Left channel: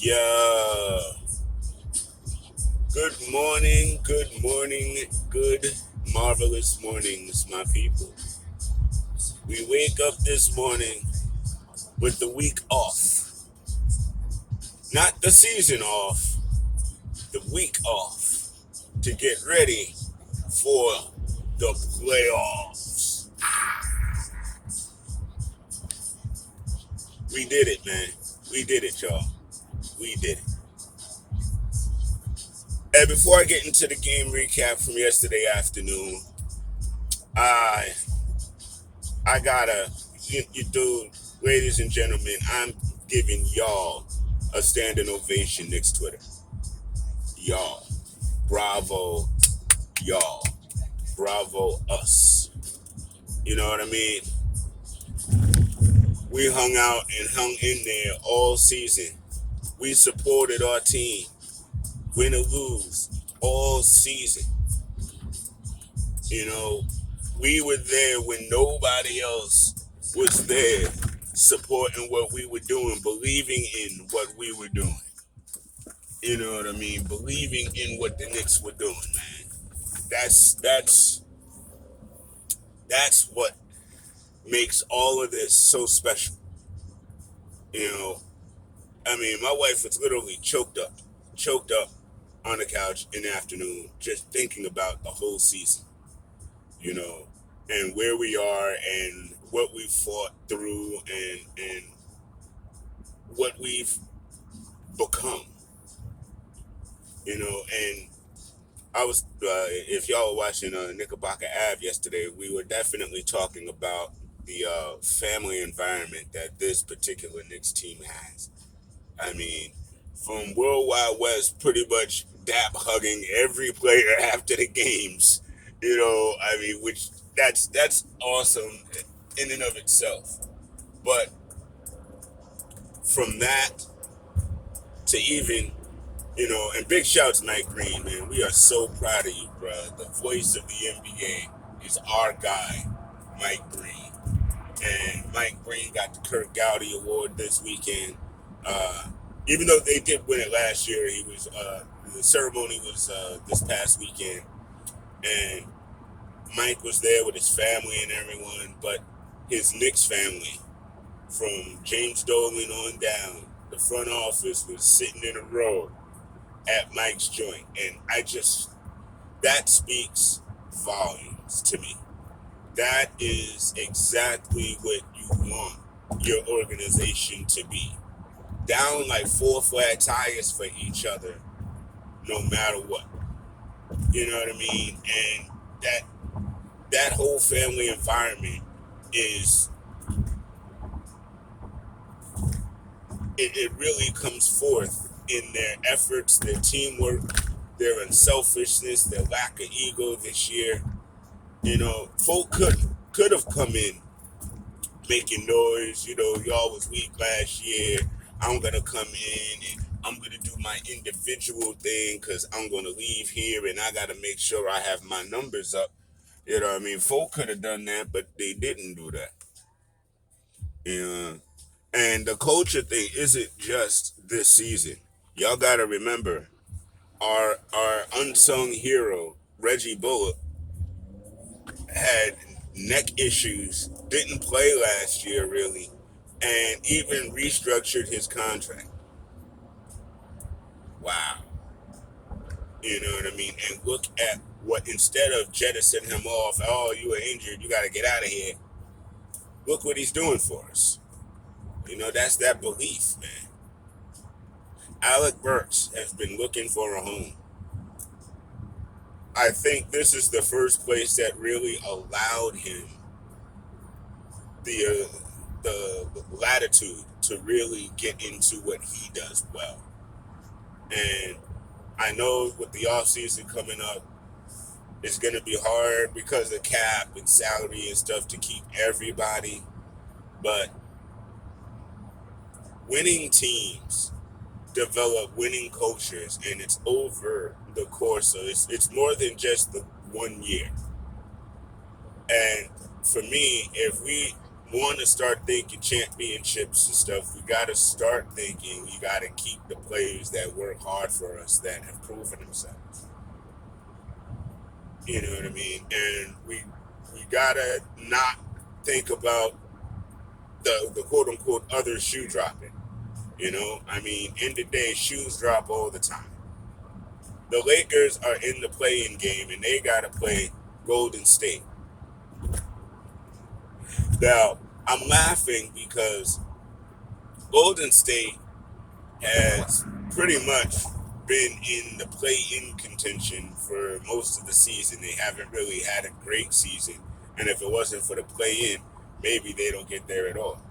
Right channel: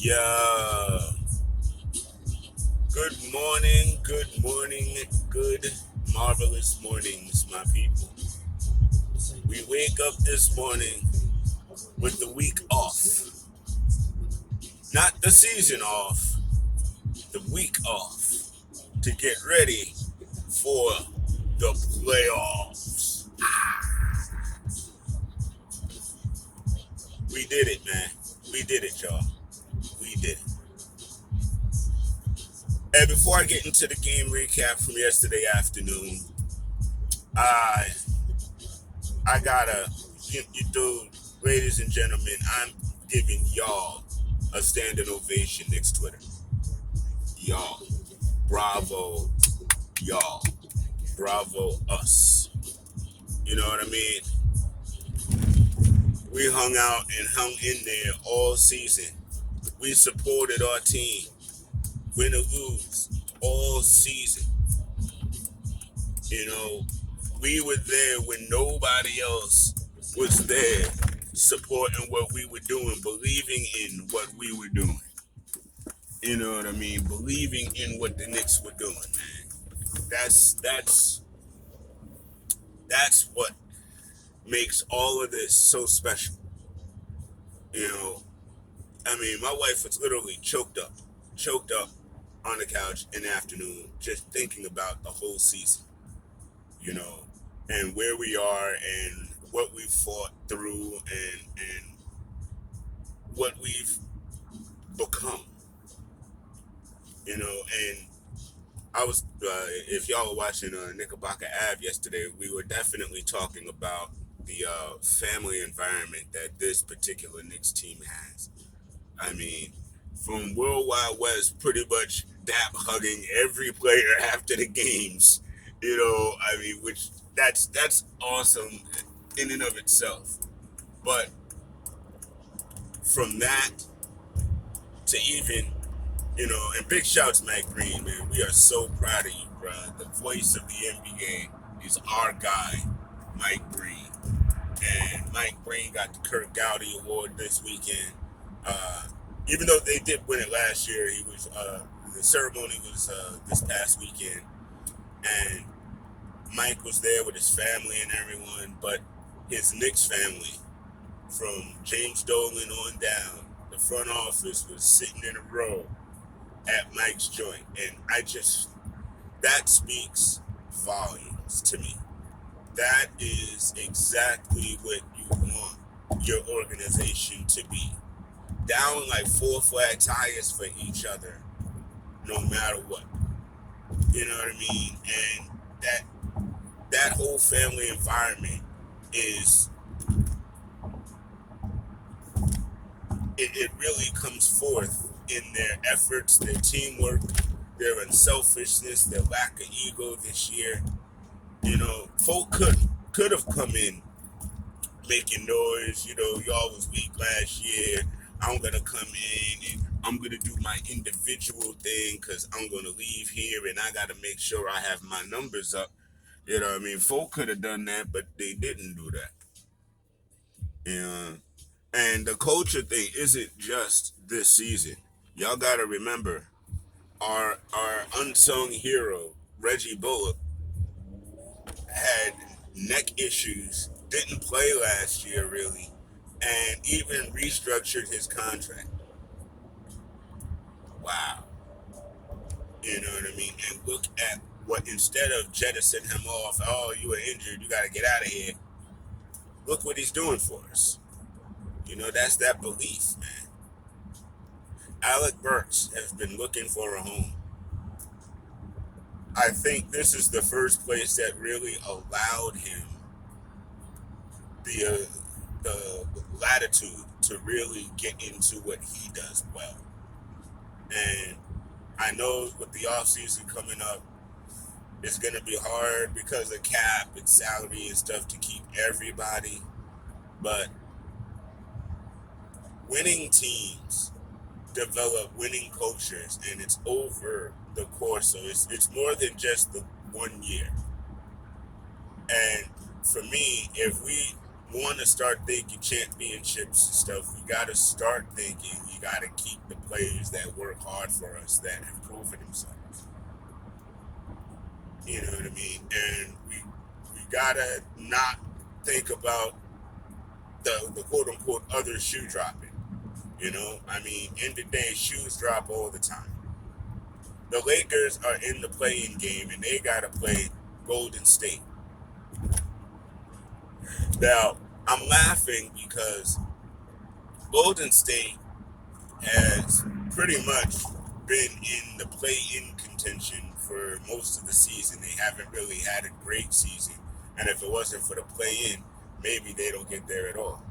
Yeah. Good marvelous mornings, my people. We wake up this morning with the week off. Not the season off, the week off to get ready for the playoffs. We did it, man. We did it, y'all. We did it. And before I get into the game recap from yesterday afternoon, I I gotta, dude, ladies and gentlemen, I'm giving y'all a standing ovation, Knicks Twitter. Y'all, bravo, y'all, bravo us. You know what I mean? We hung out and hung in there all season. We supported our team, win or lose, all season. You know, we were there when nobody else was there, supporting what we were doing, believing in what we were doing. You know what I mean? Believing in what the Knicks were doing, man. That's what makes all of this so special. You know, I mean, my wife was literally choked up on the couch in the afternoon, just thinking about the whole season. You know, and where we are and what we've fought through and what we've become. You know, and I was, if y'all were watching Knickerbocker Ave yesterday, we were definitely talking about the family environment that this particular Knicks team has. I mean, from Worldwide West pretty much dap hugging every player after the games, I mean, which that's awesome in and of itself. But from that to even and big shouts, Mike Green, man. We are so proud of you, bro. The voice of the NBA is our guy, Mike Green. And Mike Green got the Kirk Gowdy Award this weekend. Even though they did win it last year, the ceremony was this past weekend. And Mike was there with his family and everyone, but his Knicks family, from James Dolan on down, the front office was sitting in a row at Mike's joint. And that speaks volumes to me. That is exactly what you want your organization to be. Down like four flat tires for each other, no matter what. You know what I mean? And that whole family environment is, it really comes forth in their efforts, their teamwork, their unselfishness, their lack of ego this year. Folk could have come in making noise. Y'all was weak last year. I'm gonna come in and I'm gonna do my individual thing because I'm gonna leave here and I gotta make sure I have my numbers up. You know what I mean? Folk could have done that, but they didn't do that. And the culture thing isn't just this season. Y'all gotta remember our unsung hero, Reggie Bullock, had neck issues, didn't play last year really, and even restructured his contract. Wow. You know what I mean? And look at what, instead of jettison him off, oh, you were injured, you got to get out of here. Look what he's doing for us. That's that belief, man. Alec Burks has been looking for a home. I think this is the first place that really allowed him the latitude to really get into what he does well. And I know with the offseason coming up, it's going to be hard because of cap and salary and stuff to keep everybody. But winning teams develop winning cultures, and it's over the course. So it's more than just the 1 year. And for me, if we want to start thinking championships and stuff, we got to start thinking we got to keep the players that work hard for us, that have proven themselves. You know what I mean? And we gotta not think about the quote unquote other shoe dropping. You know, I mean, in the day, shoes drop all the time. The Lakers are in the playing game, and they gotta play Golden State. Now, I'm laughing because Golden State has pretty much been in the play-in contention for most of the season. They haven't really had a great season, and if it wasn't for the play-in, maybe they don't get there at all.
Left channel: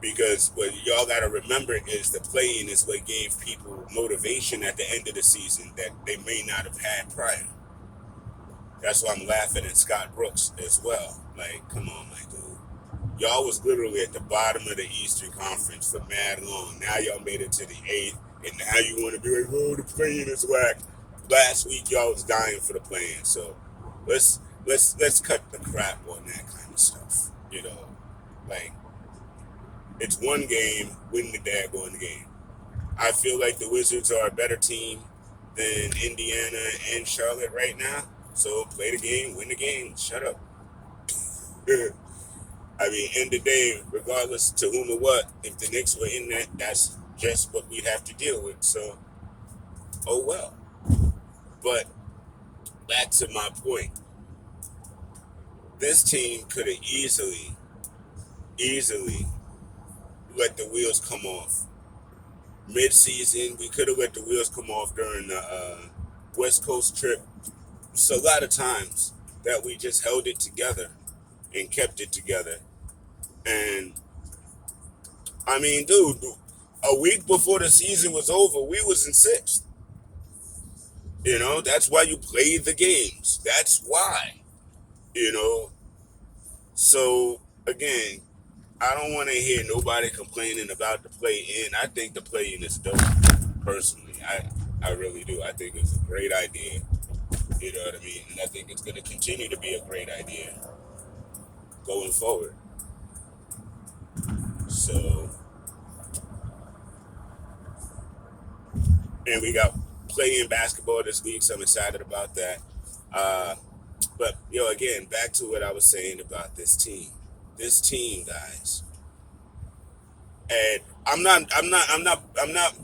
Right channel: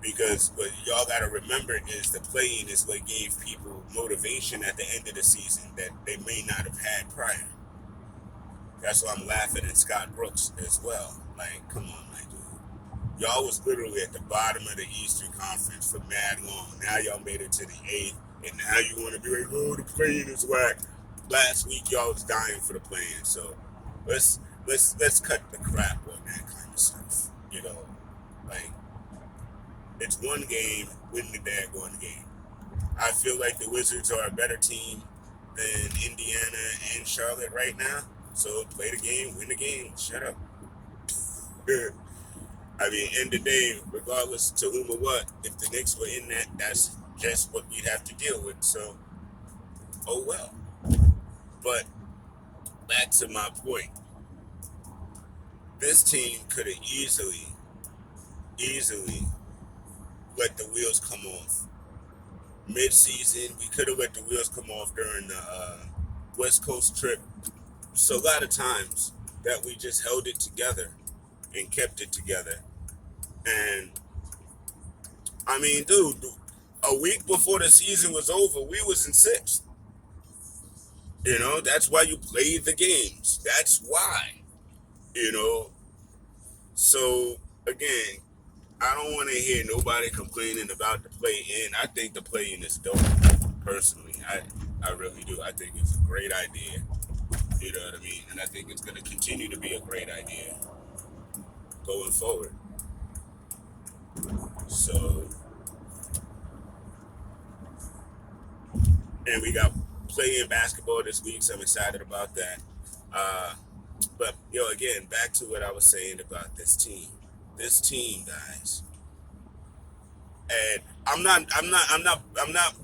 Because what y'all got to remember is the play-in is what gave people motivation at the end of the season that they may not have had prior. That's why I'm laughing at Scott Brooks as well. Like, come on, my dude. Y'all was literally at the bottom of the Eastern Conference for mad long. Now y'all made it to the eighth, and now you want to be like, oh, the play-in is whack. Last week y'all was dying for the play-in, so let's cut the crap on that kind of stuff. You know, like it's one game, win the daggone game. I feel like the Wizards are a better team than Indiana and Charlotte right now. So play the game, win the game. Shut up. I mean, end of the day, regardless to whom or what, if the Knicks were in that, that's just what we'd have to deal with. So, oh well. But back to my point, this team could have easily let the wheels come off. Mid-season, we could have let the wheels come off during the West Coast trip. So a lot of times that we just held it together and kept it together. And I mean, dude, a week before the season was over, we was in sixth. You know, that's why you play the games. That's why. You know. So again, I don't want to hear nobody complaining about the play in. I think the play in is dope. Personally, I really do. I think it's a great idea. You know what I mean? And I think it's going to continue to be a great idea going forward. So, and we got playing basketball this week, so I'm excited about that. Uh, but again, back to what I was saying about this team. This team, guys. And I'm not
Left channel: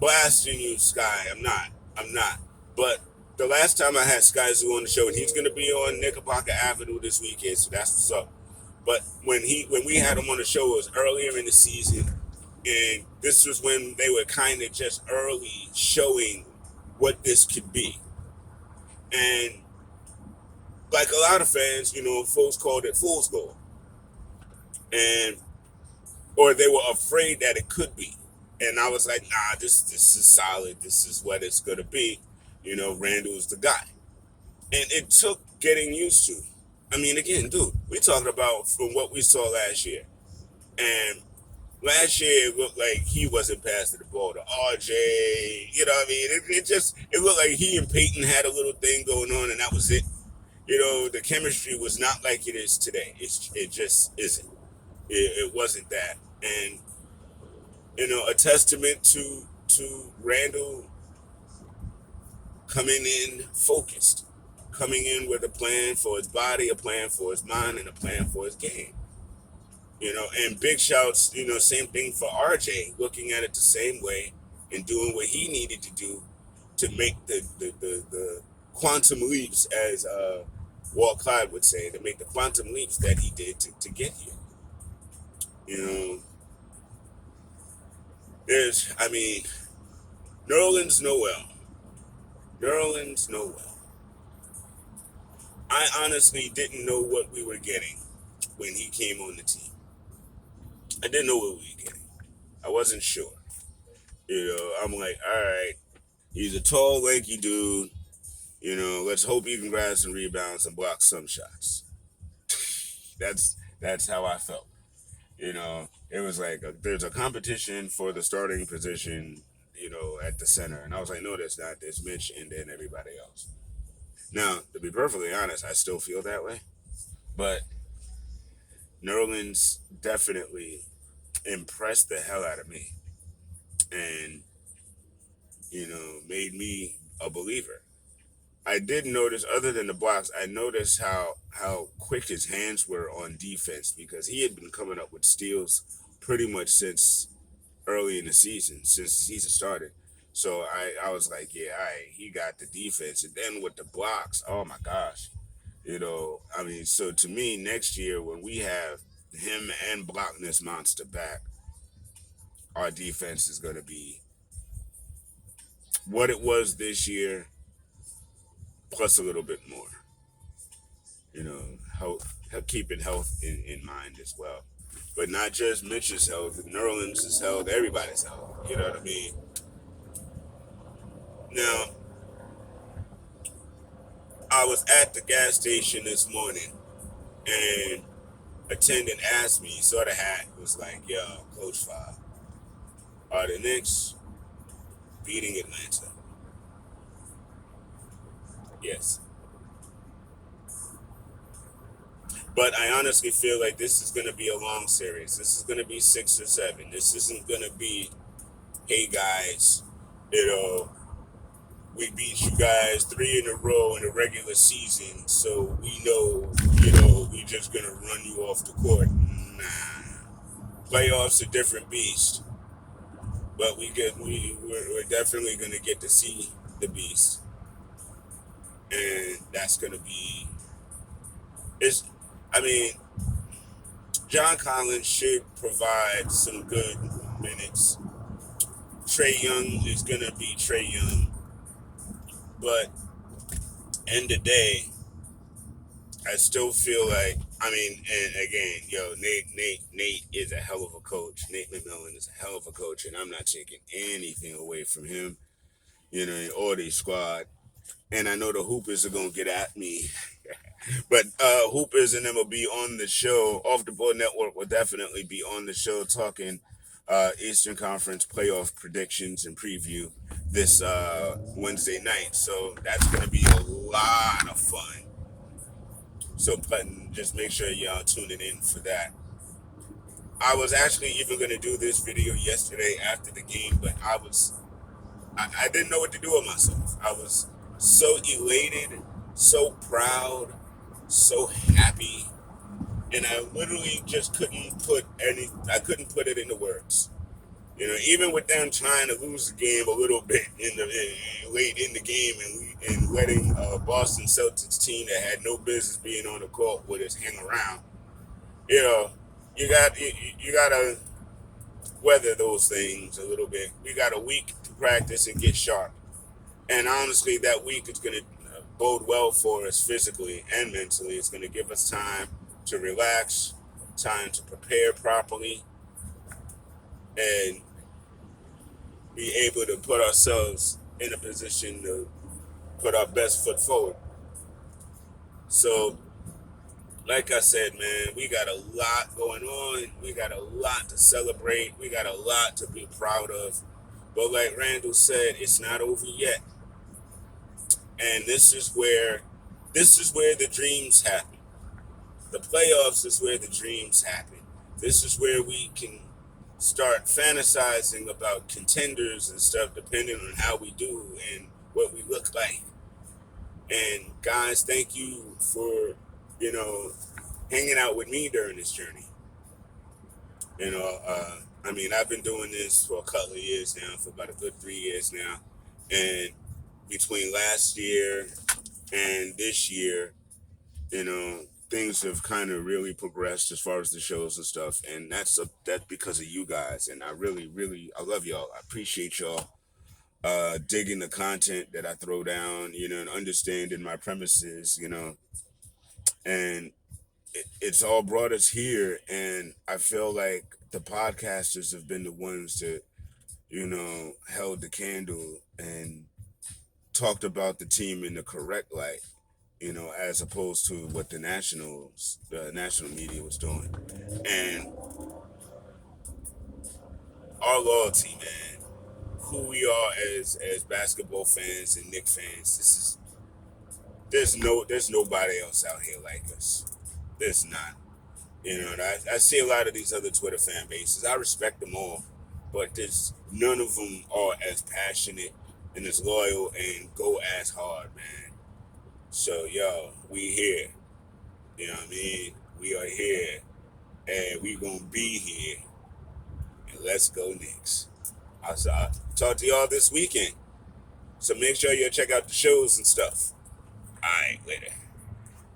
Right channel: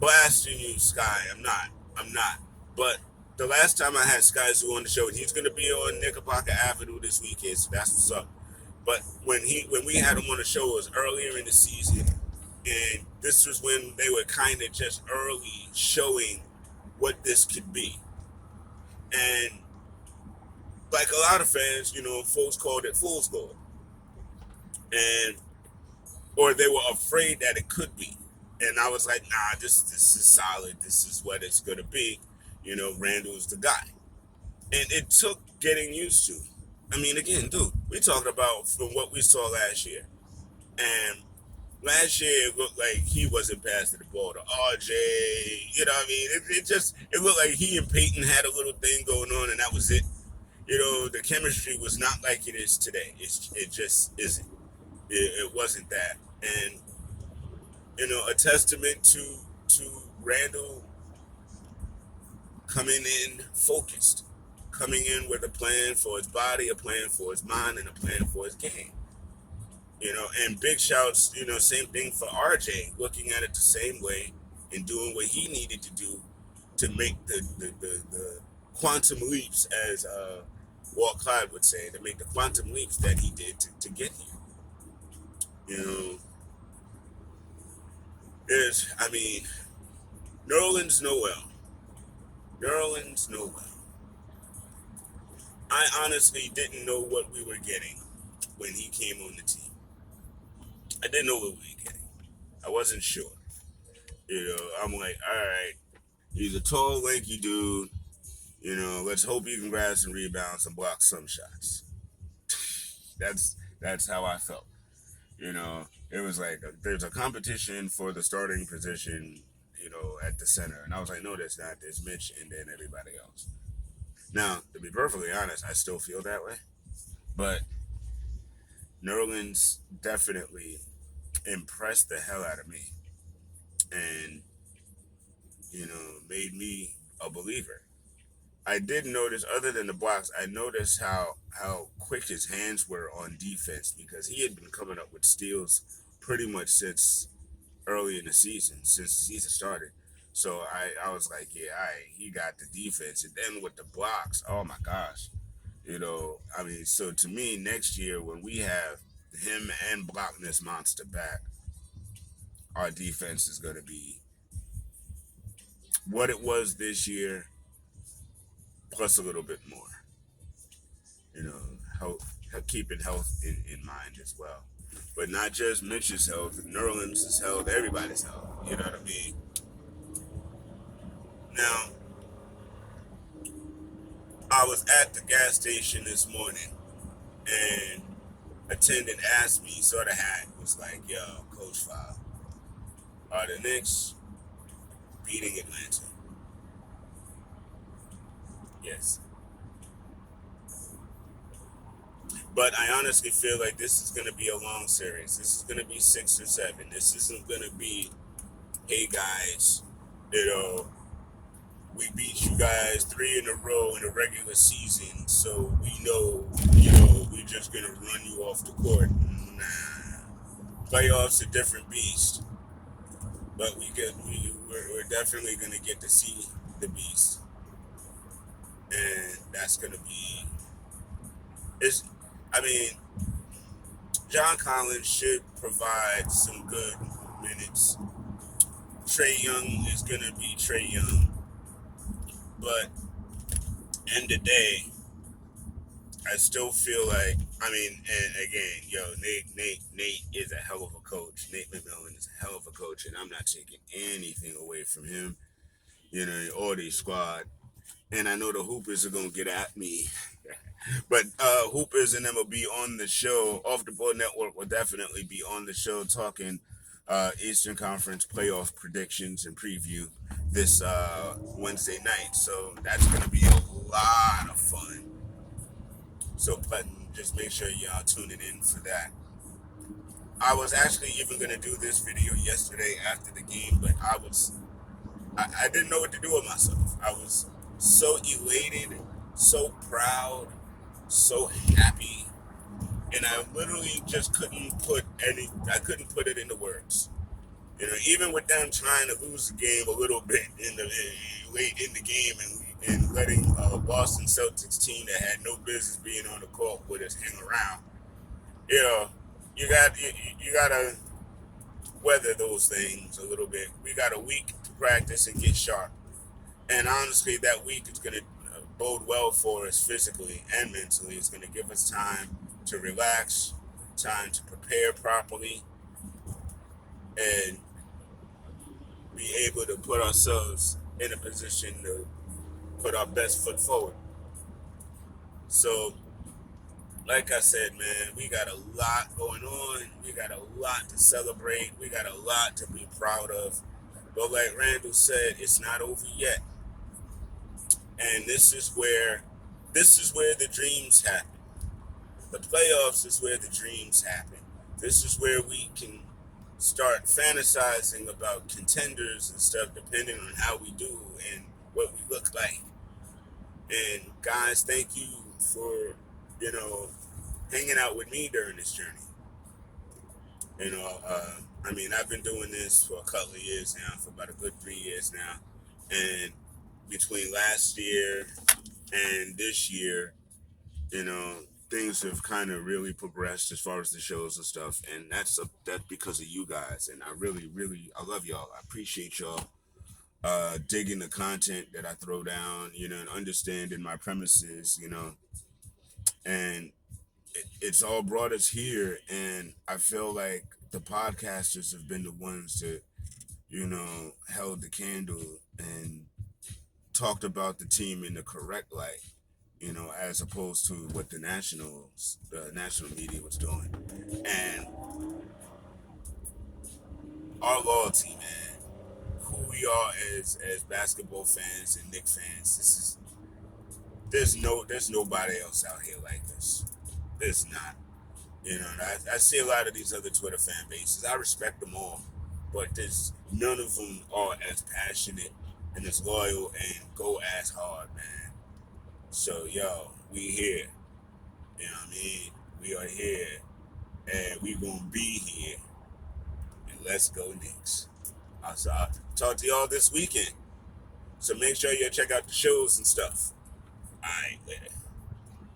blasting you, Sky. I'm not. But the last time I had Sky Zoo on the show, and he's gonna be on Knickerbocker Avenue this weekend, so that's what's up. But when we had him on the show, it was earlier in the season, and this was when they were kind of just early showing what this could be. And like a lot of fans, folks called it fool's gold, and or they were afraid that it could be. And I was like, nah, this is solid. This is what it's gonna be. Randall's the guy. And it took getting used to. I mean, again, dude, we're talking about from what we saw last year. And last year it looked like he wasn't passing the ball to RJ. You know what I mean? It looked like he and Peyton had a little thing going on, and that was it. The chemistry was not like it is today. It just isn't. It wasn't that. And a testament to Randall coming in focused, coming in with a plan for his body, a plan for his mind, and a plan for his game. And big shouts, same thing for RJ, looking at it the same way and doing what he needed to do to make the quantum leaps, as Walt Clyde would say, to make the quantum leaps that he did to get here. I mean, Nerlens Noel. Nerlens Noel. I honestly didn't know what we were getting when he came on the team. I didn't know what we were getting. I wasn't sure. I'm like, all right, he's a tall, lanky dude. Let's hope he can grab some rebounds and block some shots. That's how I felt. It was like there's a competition for the starting position, at the center. And I was like, no, there's not. There's Mitch and then everybody else. Now, to be perfectly honest, I still feel that way. But Nerlens definitely impressed the hell out of me, and made me a believer. I did notice, other than the blocks, I noticed how quick his hands were on defense because he had been coming up with steals pretty much since early in the season, since the season started. So I was like, yeah, he got the defense, and then with the blocks, oh my gosh, I mean, so to me, next year when we have him and Blockness Monster back, our defense is going to be what it was this year, plus a little bit more. Health, keeping health in mind as well, but not just Mitch's health, Nerlens' health, everybody's health. You know what I mean? Now, I was at the gas station this morning, and attendant asked me, saw the hat, was like, "Yo, Coach Five, are the Knicks beating Atlanta?" Yes, but I honestly feel like this is going to be a long series. This is going to be 6 or 7. This isn't going to be, "Hey guys, you know, we beat you guys 3 in a row in the regular season, so we know, we're just gonna run you off the court." Nah, playoffs a different beast, but we're definitely gonna get to see the beast, and that's gonna be it's. I mean, John Collins should provide some good minutes. Trey Young is gonna be Trey Young, but end of day, I still feel like, I mean, and again, Nate is a hell of a coach. Nate McMillan is a hell of a coach, and I'm not taking anything away from him, or the squad. And I know the Hoopers are gonna get at me, but Hoopers and them will be on the show. Off the Board Network will definitely be on the show talking Eastern Conference playoff predictions and preview this Wednesday night. So that's gonna be a lot of fun. So button, just make sure y'all tuning in for that. I was actually even gonna do this video yesterday after the game, but I didn't know what to do with myself. I was so elated, so proud, so happy, and I literally just I couldn't put it into words. Even with them trying to lose the game a little bit late in the game, and letting Boston Celtics team that had no business being on the court with us hang around, you know, you gotta weather those things a little bit. We got a week to practice and get sharp, and honestly, that week is gonna bode well for us physically and mentally. It's gonna give us time to relax, time to prepare properly, and be able to put ourselves in a position to put our best foot forward. So, like I said, man, we got a lot going on. We got a lot to celebrate. We got a lot to be proud of. But like Randall said, it's not over yet. And this is where the dreams happen. The playoffs is where the dreams happen. This is where we can start fantasizing about contenders and stuff depending on how we do and what we look like. And guys, thank you for, you know, hanging out with me during this journey. I mean, I've been doing this for a couple of years now, for about a good 3 years now. And between last year and this year, you know, things have kind of really progressed as far as the shows and stuff. And that's because of you guys. And I really, really, I love y'all. I appreciate y'all digging the content that I throw down, and understanding my premises, and it's all brought us here. And I feel like the podcasters have been the ones that, held the candle and talked about the team in the correct light, as opposed to what the national media was doing. And our loyalty, man, who we are as basketball fans and Knicks fans, there's nobody else out here like us. There's not. You know, and I see a lot of these other Twitter fan bases. I respect them all, but there's none of them are as passionate and as loyal and go as hard, man. So, yo, we here. You know what I mean? We are here, and we gonna be here. And let's go Knicks. I'll talk to y'all this weekend. So make sure you check out the shows and stuff. All right, later.